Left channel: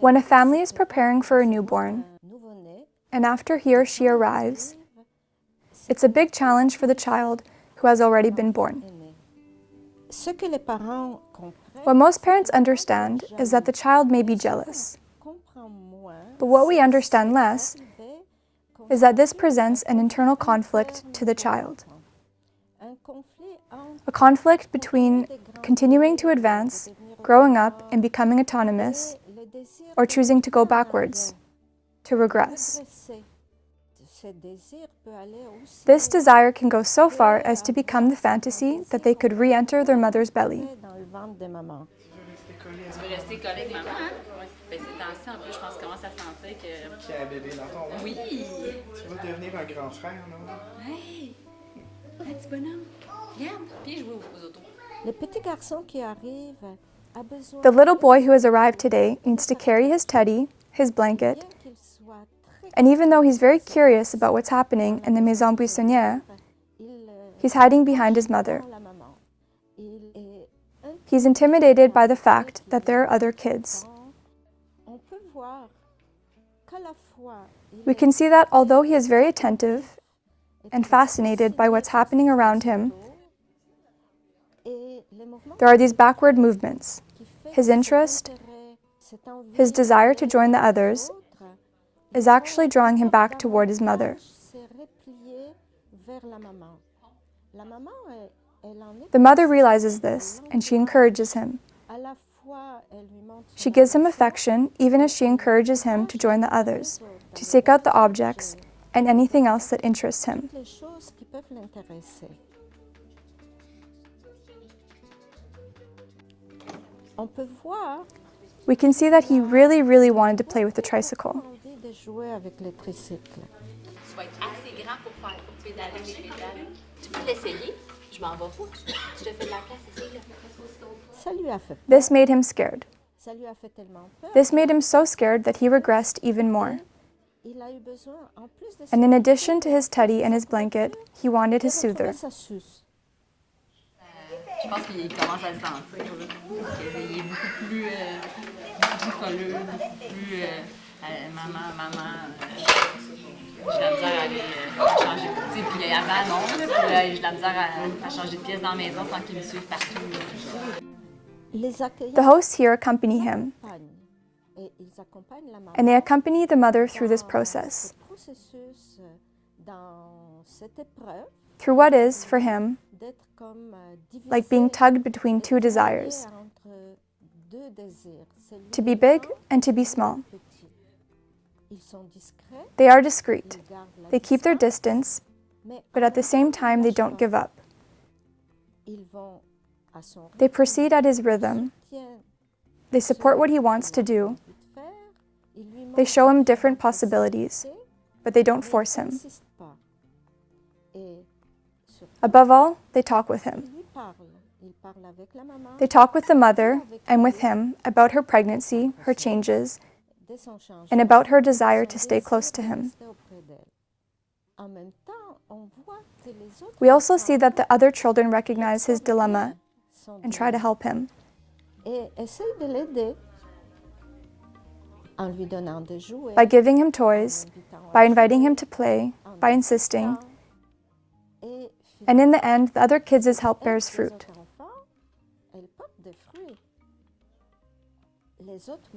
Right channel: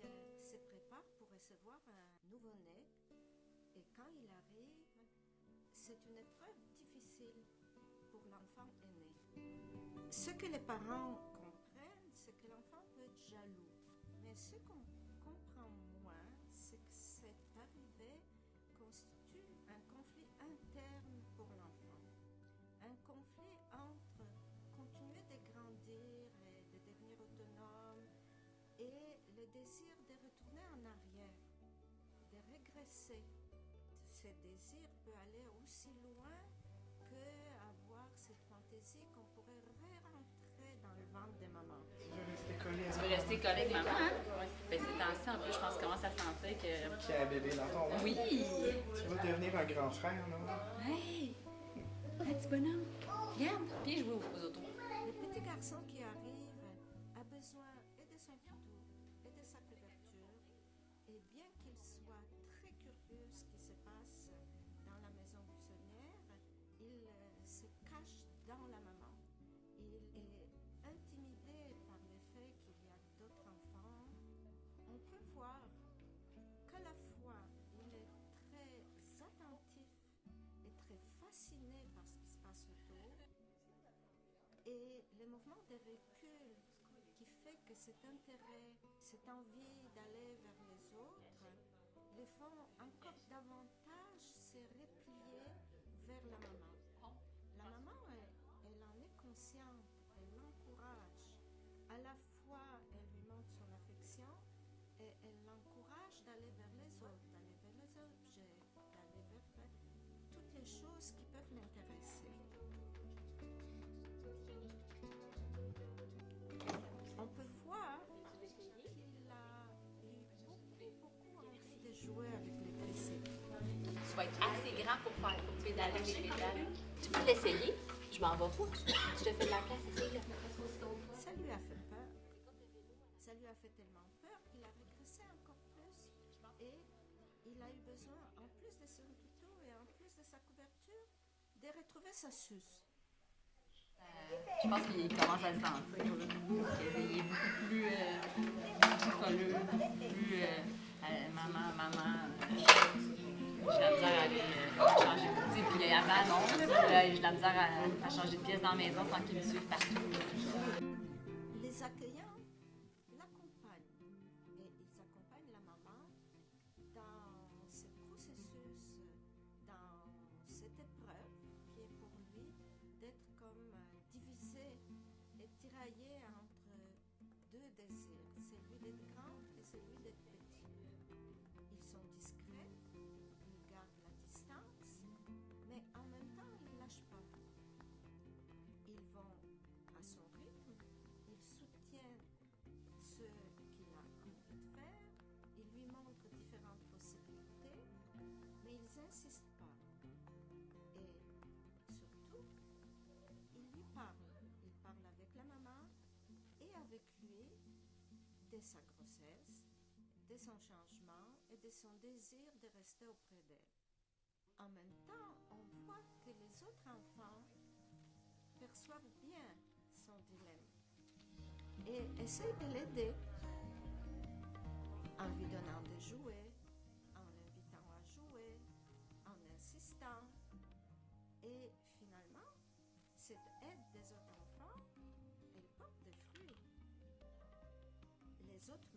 When a family is preparing for a newborn, and after he or she arrives, it's a big challenge for the child who has already been born. What most parents understand is that the child may be jealous. But what we understand less is that this presents an internal conflict to the child. A conflict between continuing to advance, growing up and becoming autonomous, or choosing to go backwards, to regress. This desire can go so far as to become the fantasy that they could re-enter their mother's belly. Tu veux rester collé avec maman, hein? Ben, ces temps-ci, en plus, je pense que commence à sentir que... Qu'il y a un bébé dans ton ventre. Oui! Tu vas devenir un grand frère, là. Hey! Un petit bonhomme. Regarde, puis je vais aux autos. Le petit garçon qui arrive a besoin... The little boy who has arrived today needs to carry his teddy, his blanket, and even though he's very curious about what's happening in the Maison buissonière, he's hiding behind his mother. He's intimidated by the fact that there are other kids. We can see that although he is very attentive and fascinated by what's happening around him, there are these backward movements. His interest, his desire to join the others, is actually drawing him back toward his mother. The mother realizes this, and she encourages him. She gives him affection, even as she encourages him to join the others, to seek out the objects and anything else that interests him. We can see that he really wanted to play with the tricycle. Tu vas être assez grand pour pédaler les pédales. Tu peux l'essayer? Je m'en vais pas. Je te fais de la place, essaye-le. This made him scared. This made him so scared that he regressed even more. And in addition to his teddy and his blanket, he wanted his soother. Je pense qu'il commence à le sentir, là, parce qu'il est beaucoup plus colleux, beaucoup plus maman. J'ai la misère à aller changer de pièce. Puis avant, non, j'ai la misère à changer de pièce dans la maison sans qu'il me suive partout. The hosts here accompany him, and they accompany the mother through this process, through what is, for him, like being tugged between two desires, to be big and to be small. They are discreet. They keep their distance, but at the same time they don't give up. They proceed at his rhythm. They support what he wants to do. They show him different possibilities, but they don't force him. Above all, they talk with him. They talk with the mother and with him about her pregnancy, her changes, and about her desire to stay close to him. We also see that the other children recognize his dilemma and try to help him. By giving him toys, by inviting him to play, by insisting, and in the end, the other kids' help bears fruit.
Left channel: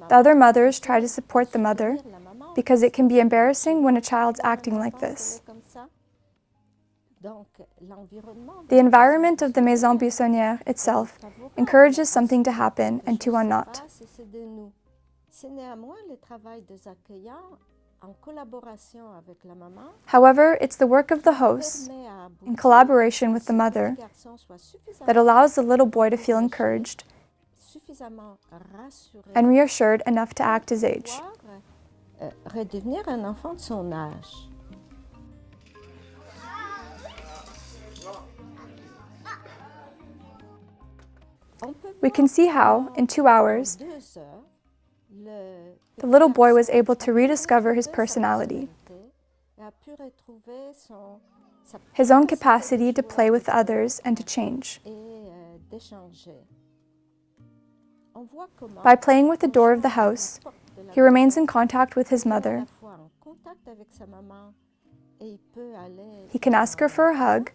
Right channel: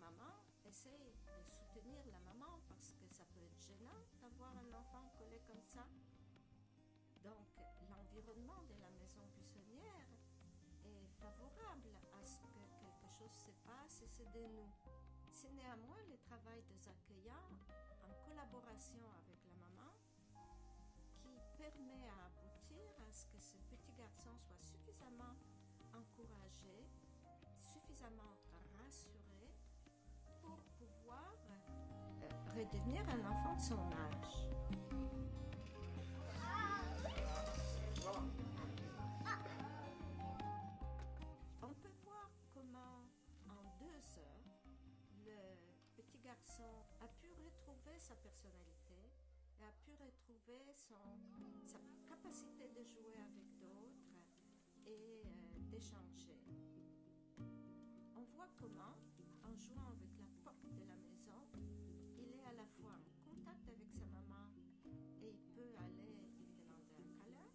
The other mothers try to support the mother because it can be embarrassing when a child's acting like this. The environment of the Maison buissonière itself encourages something to happen and to unknot. However, it's the work of the hosts, in collaboration with the mother, that allows the little boy to feel encouraged and reassured enough to act his age. We can see how, in 2 hours, the little boy was able to rediscover his personality, his own capacity to play with others and to change. On voit comment By playing with the door of the house, he remains in contact with his à mother. la fois en contact avec sa maman et il peut aller He can ask her for a hug,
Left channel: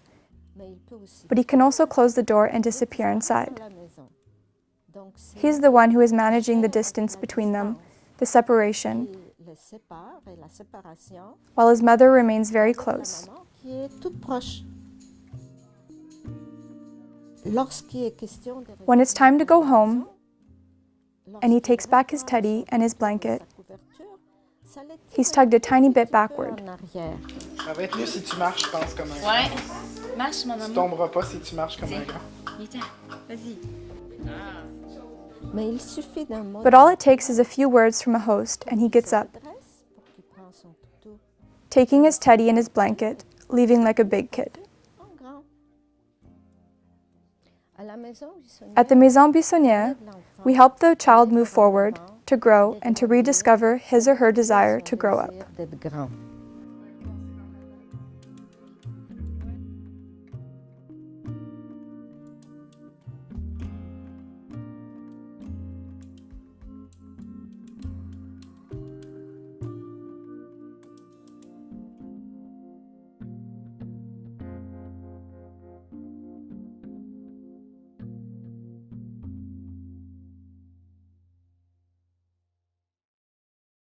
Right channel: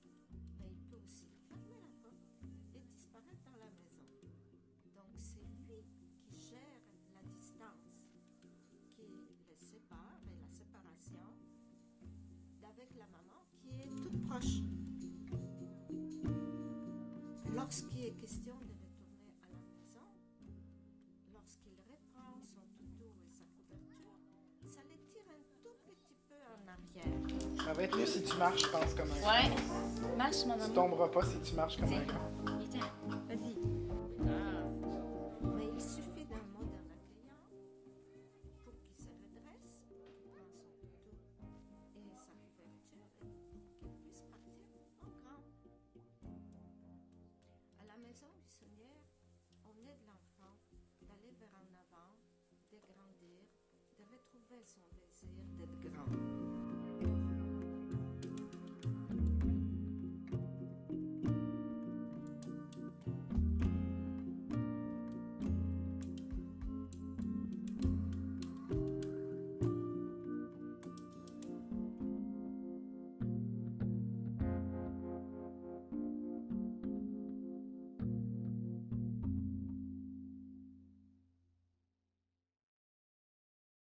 mais il peut aussi but he can also close the door and disappear inside. dans la maison. Donc c'est He's the one who is managing the distance between them, the separation, qui les sépare et la séparation, while his mother remains very la close. maman qui est toute proche. Lorsqu'il est question de When it's time to go home, lorsqu'il and he takes back his reprend teddy and his sa blanket, couverture, ça les he's tire tugged a tiny un bit petit peu backward. en arrière. Ça va être mieux si tu marches, je pense, comme un grand. Ouais. Marche, mon Tu amour. tomberas pas si tu marches comme un grand. Viens, vas-y. Mais il suffit d'un mot But all it takes is a few words from a host, and he gets up, d'adresse pour qu'il prenne son toutou taking his teddy and his blanket, leaving like a big kid. en grand. À la maison buissonnière, At the Maison buissonière, l'enfant we help the child move forward, to grow, and to rediscover his or her desire to grow up. désire d'être grand.